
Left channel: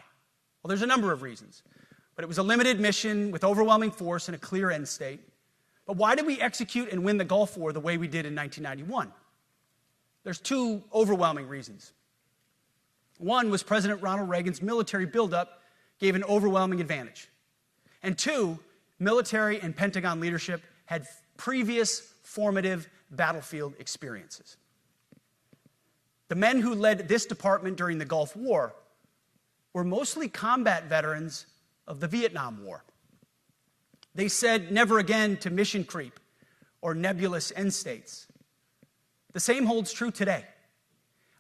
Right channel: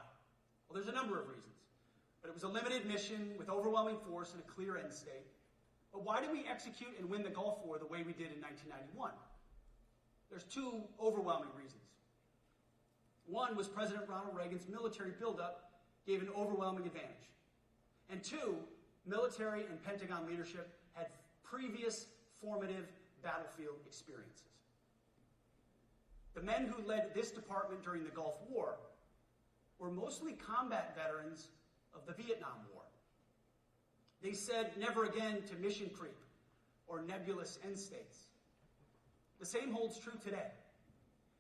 Well, there's a number of reasons, but it was a limited mission with overwhelming force and a clear end state. But why did we execute and win the Gulf War the way we did in 1991? There's two overwhelming reasons. One was President Ronald Reagan's military buildup gave an overwhelming advantage. And two, military and Pentagon leadership had previous formative battlefield experiences. The men who led this department during the Gulf War were mostly combat veterans of the Vietnam War. They said never again to mission creep or nebulous end states. The same holds true today.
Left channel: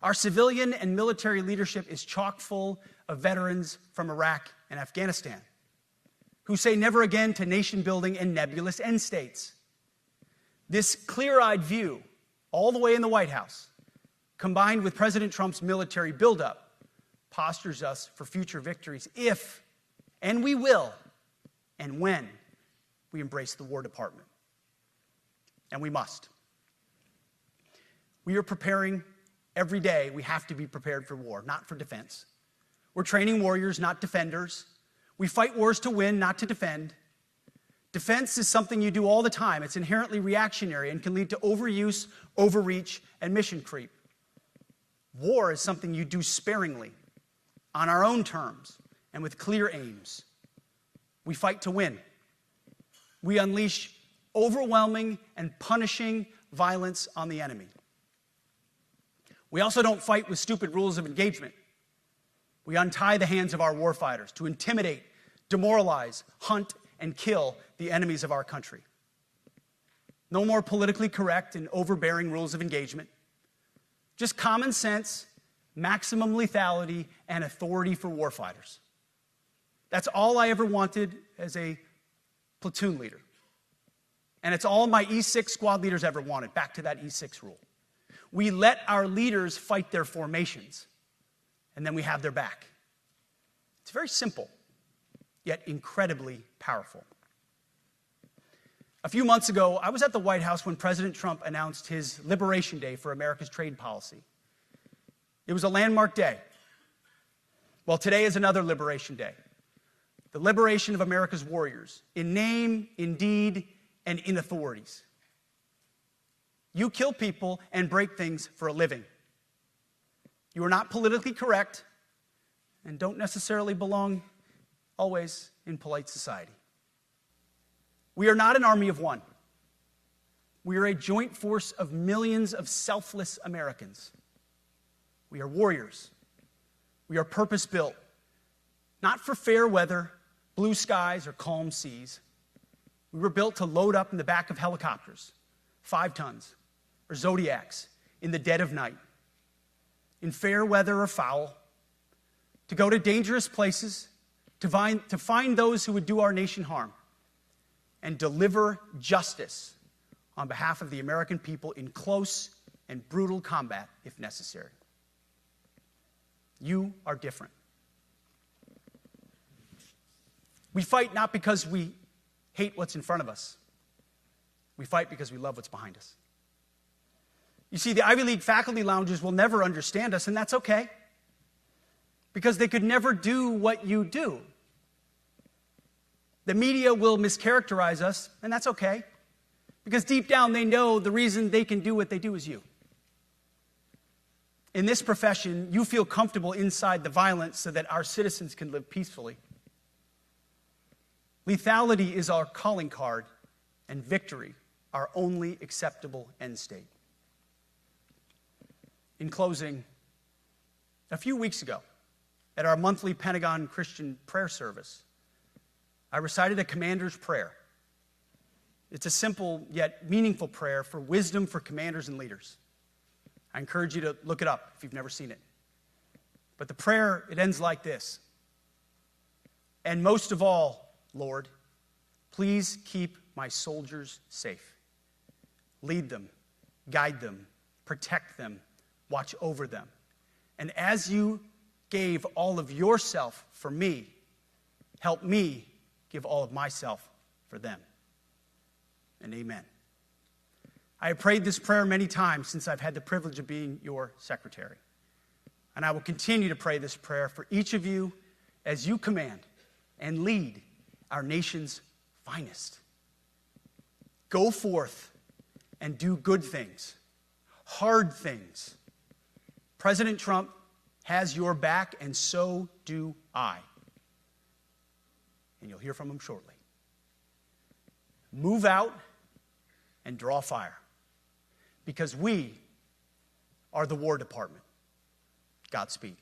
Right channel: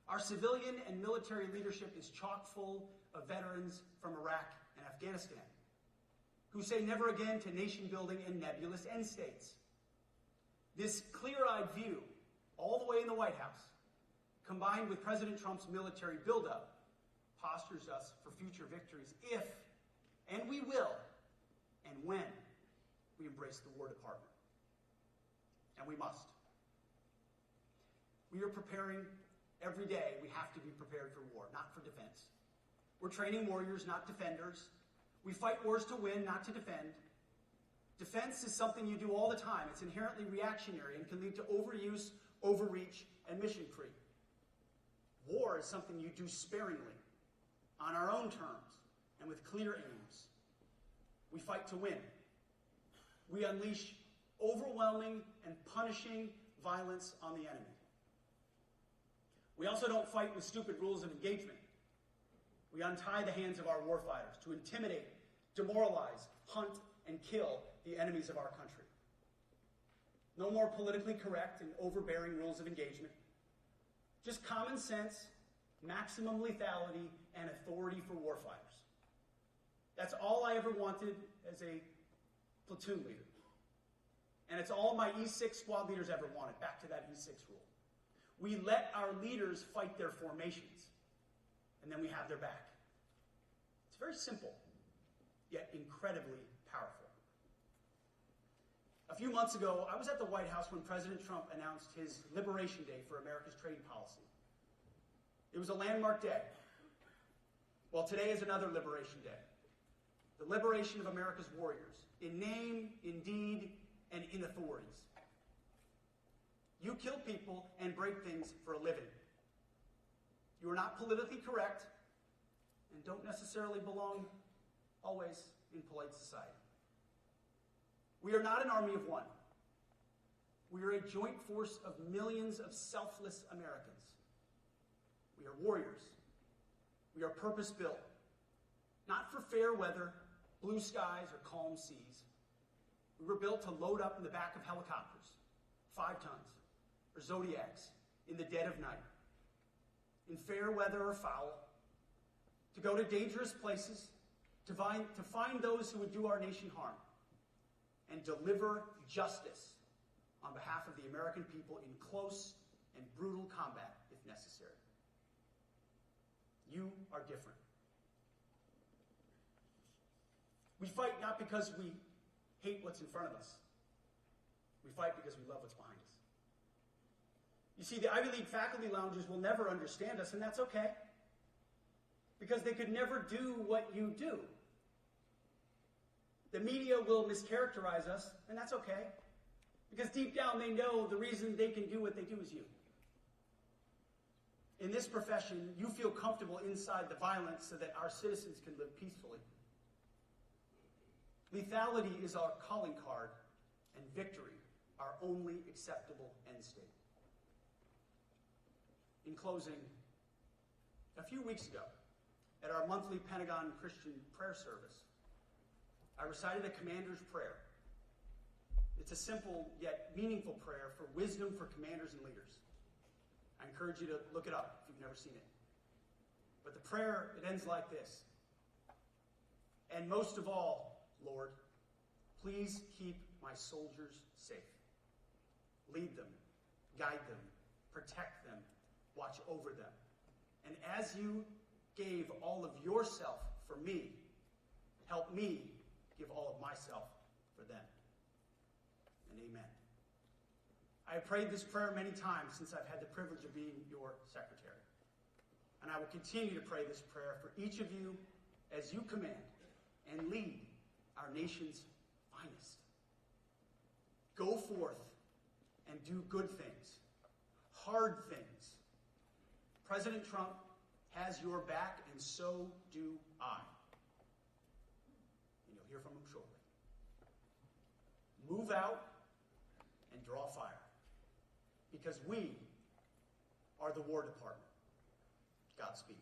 Our civilian and military leadership is chock full of veterans from Iraq and Afghanistan who say never again to nation building and nebulous end states. This clear-eyed view, all the way in the White House, combined with President Trump's military buildup, postures us for future victories if, and we will, and when we embrace the War Department. And we must. We are preparing every day. We have to be prepared for war, not for defense. We're training warriors, not defenders. We fight wars to win, not to defend. Defense is something you do all the time. It's inherently reactionary and can lead to overuse, overreach, and mission creep. War is something you do sparingly, on our own terms, and with clear aims. We fight to win. We unleash overwhelming and punishing violence on the enemy. We also don't fight with stupid rules of engagement. We untie the hands of our warfighters to intimidate, demoralize, hunt, and kill the enemies of our country. No more politically correct and overbearing rules of engagement. Just common sense, maximum lethality, and authority for warfighters. That's all I ever wanted as a platoon leader. And it's all my E6 squad leaders ever wanted, back to that E6 rule. We let our leaders fight their formations, and then we have their back. It's very simple, yet incredibly powerful. A few months ago, I was at the White House when President Trump announced his Liberation Day for America's trade policy. It was a landmark day. Well, today is another Liberation Day. The liberation of America's warriors, in name, in deed, and in authorities. You kill people and break things for a living. You are not politically correct and don't necessarily belong always in polite society. We are not an army of one. We are a joint force of millions of selfless Americans. We are warriors. We are purpose-built, not for fair weather, blue skies, or calm seas. We were built to load up in the back of helicopters, 5 tons, or Zodiacs, in the dead of night, in fair weather or foul, to go to dangerous places, to find those who would do our nation harm, and deliver justice on behalf of the American people in close and brutal combat if necessary. You are different. We fight not because we hate what's in front of us. We fight because we love what's behind us. You see, the Ivy League faculty lounges will never understand us, and that's okay, because they could never do what you do. The media will mischaracterize us, and that's okay, because deep down they know the reason they can do what they do is you. In this profession, you feel comfortable inside the violence so that our citizens can live peacefully. Lethality is our calling card, and victory our only acceptable end state. In closing, a few weeks ago, at our monthly Pentagon Christian prayer service, I recited a commander's prayer. It's a simple yet meaningful prayer for wisdom for commanders and leaders. I encourage you to look it up if you've never seen it. But the prayer, it ends like this. And most of all, Lord, please keep my soldiers safe. Lead them, guide them, protect them, watch over them. And as you gave all of yourself for me, help me give all of myself for them. And amen. I have prayed this prayer many times since I've had the privilege of being your secretary. And I will continue to pray this prayer for each of you as you command and lead our nation's finest. Go forth and do good things, hard things. President Trump has your back, and so do I. And you'll hear from him shortly. Move out and draw fire, because we are the War Department. Godspeed.